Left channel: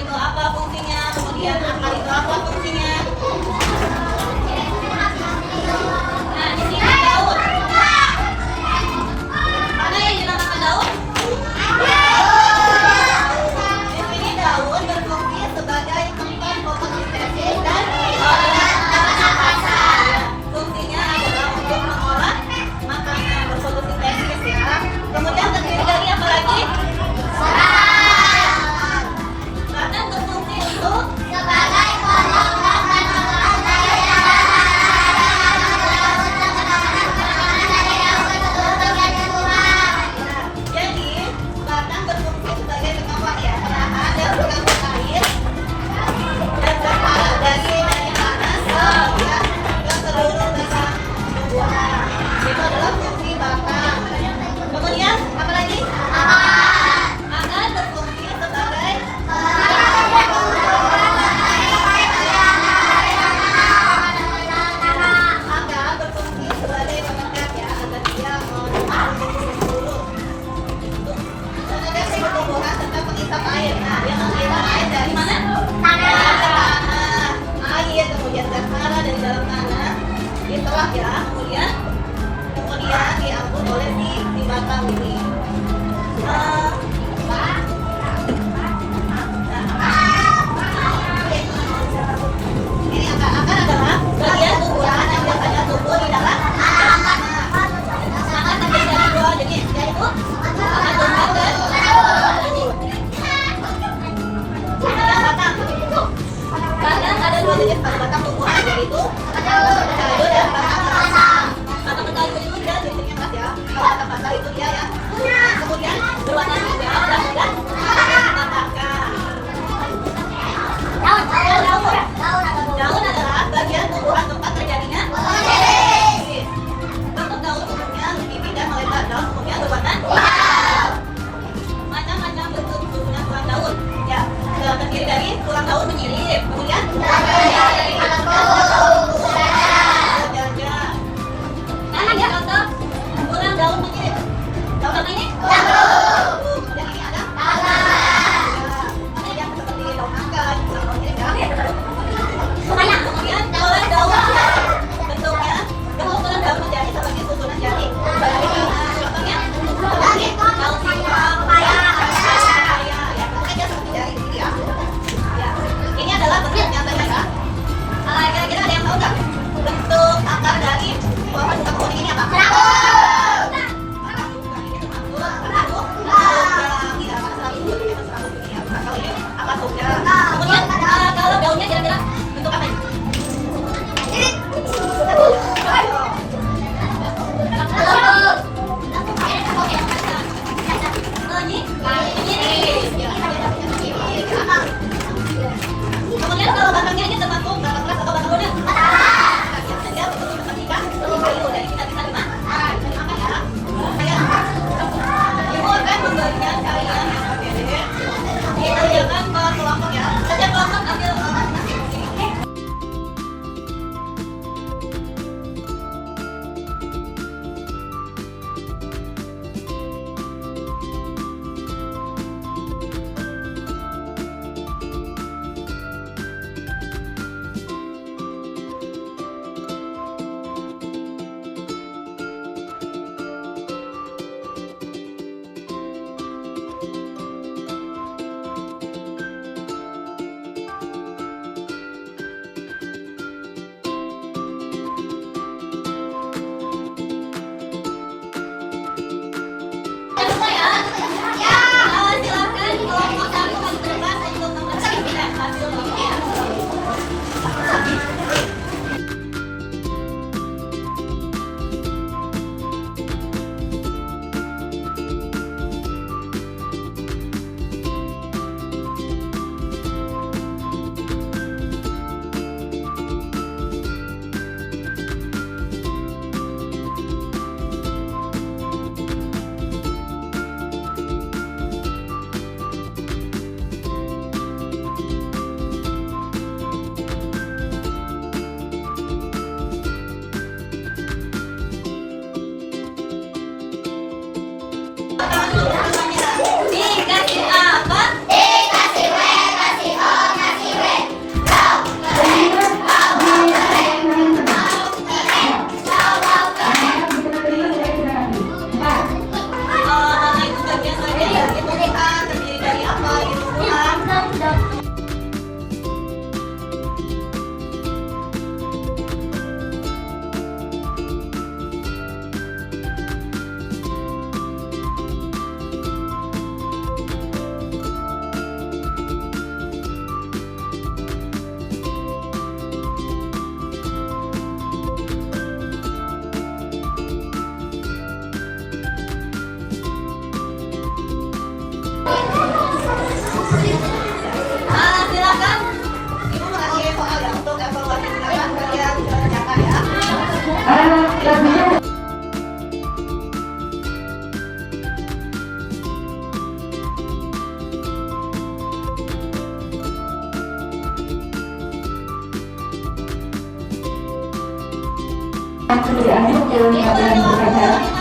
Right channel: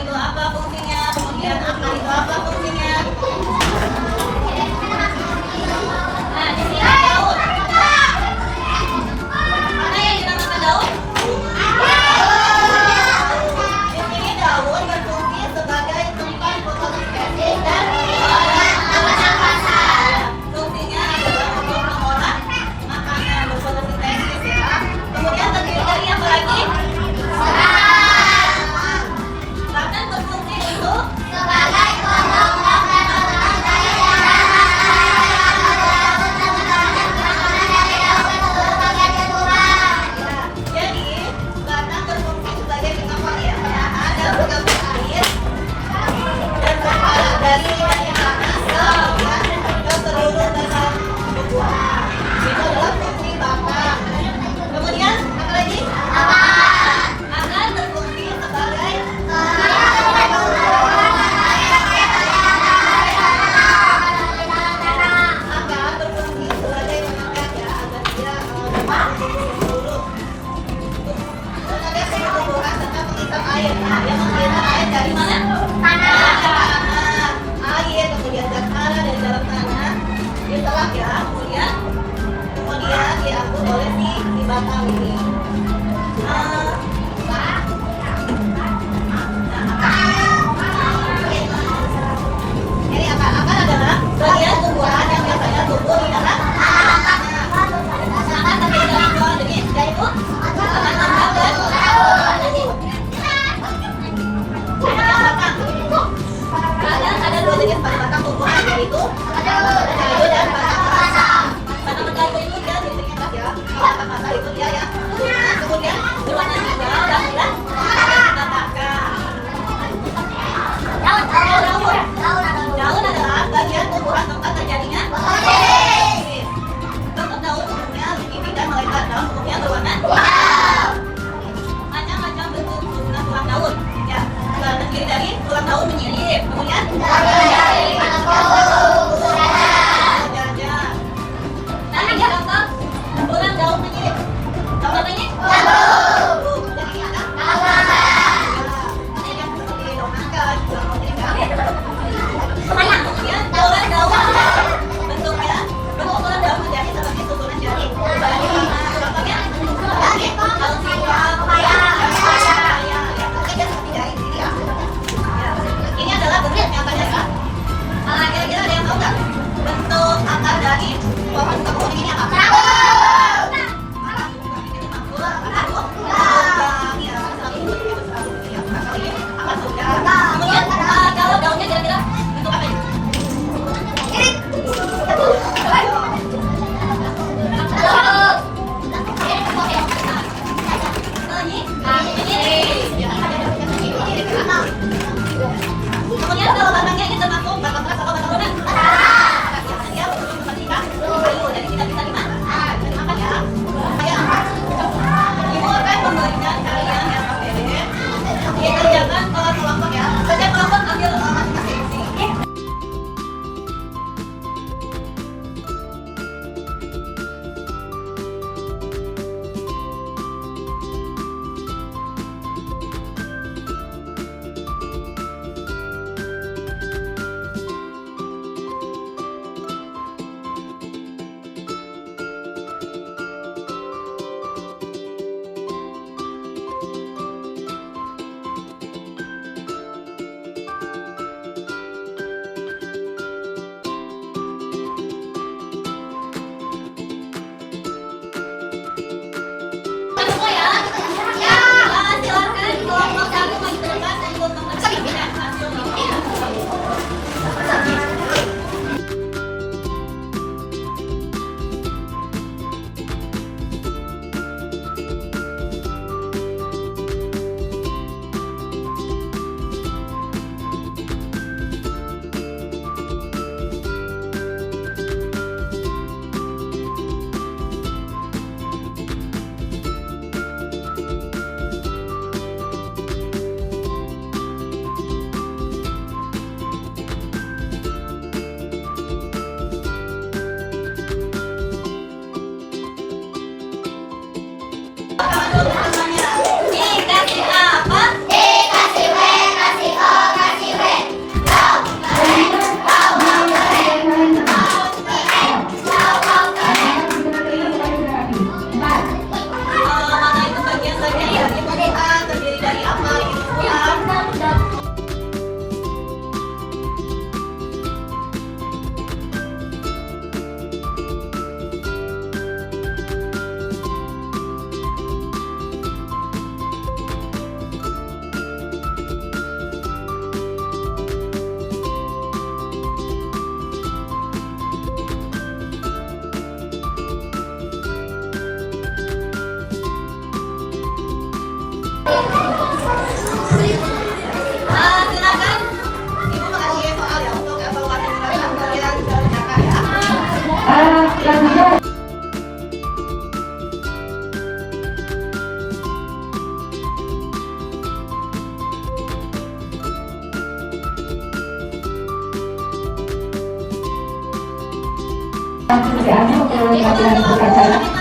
itu apa fungsinya? Kemudian akar itu apa fungsinya? Nah, di sini daun. Mana yang dinamakan daun? Di sini daun berfungsi sebagai tempat fotosintesis dan pernapasan. Fungsinya adalah untuk mengolah makanan berfotosintesis ya. Kemudian terdiri dari apa lagi? Batang berfungsi untuk sebagai pondok jadi batang berfungsi sebagai apa ya? Penahan dan pengambil air dan berpahala dari panas ke seluruh dasar tumbuhan. Itu adalah fungsi batang. Kemudian apa lagi? Akar berfungsi sebagai pemekat ya agar dia seluruh tenaga tumbuhan serta menghisap air. Nah, dia menghisap air dari mana? Tanah, air, kemudian gas marah dari dalam tanah, ditelak ya, kemudian diangkut oleh si batang ini. Ini akar adalah bagian tumbuhan yang biasanya tumbuh di dalam tanah. Akar terdiri dari dua jenis, yaitu akar tunggal dan yang batang. Kadang ada dua jenis pada batang tumbuhan, yaitu batang berkaldu dan batang kasar. Batang berkaldu itu dia jenisnya pas ya. Kalau batang kasar itu dia ya. Kemudian berwarna juga dan dikatakan. Daun adalah bagian tumbuhan tempat terjadinya fotosintesis. Bentuk daun umumnya begini dan melebar. Daun umumnya berwarna hijau. Macam-macam bentuk susunan tulang daun. Ya, terdiri dari tulang daun menyilip. Kemudian nah, ini contoh tulang daun menyilip. Daun apa ini? Kemudian ini ada Silakan. Ibu mengasih soal ya untuk evaluasi silakan kalian ke kakak ya. Sudah ke pelajaran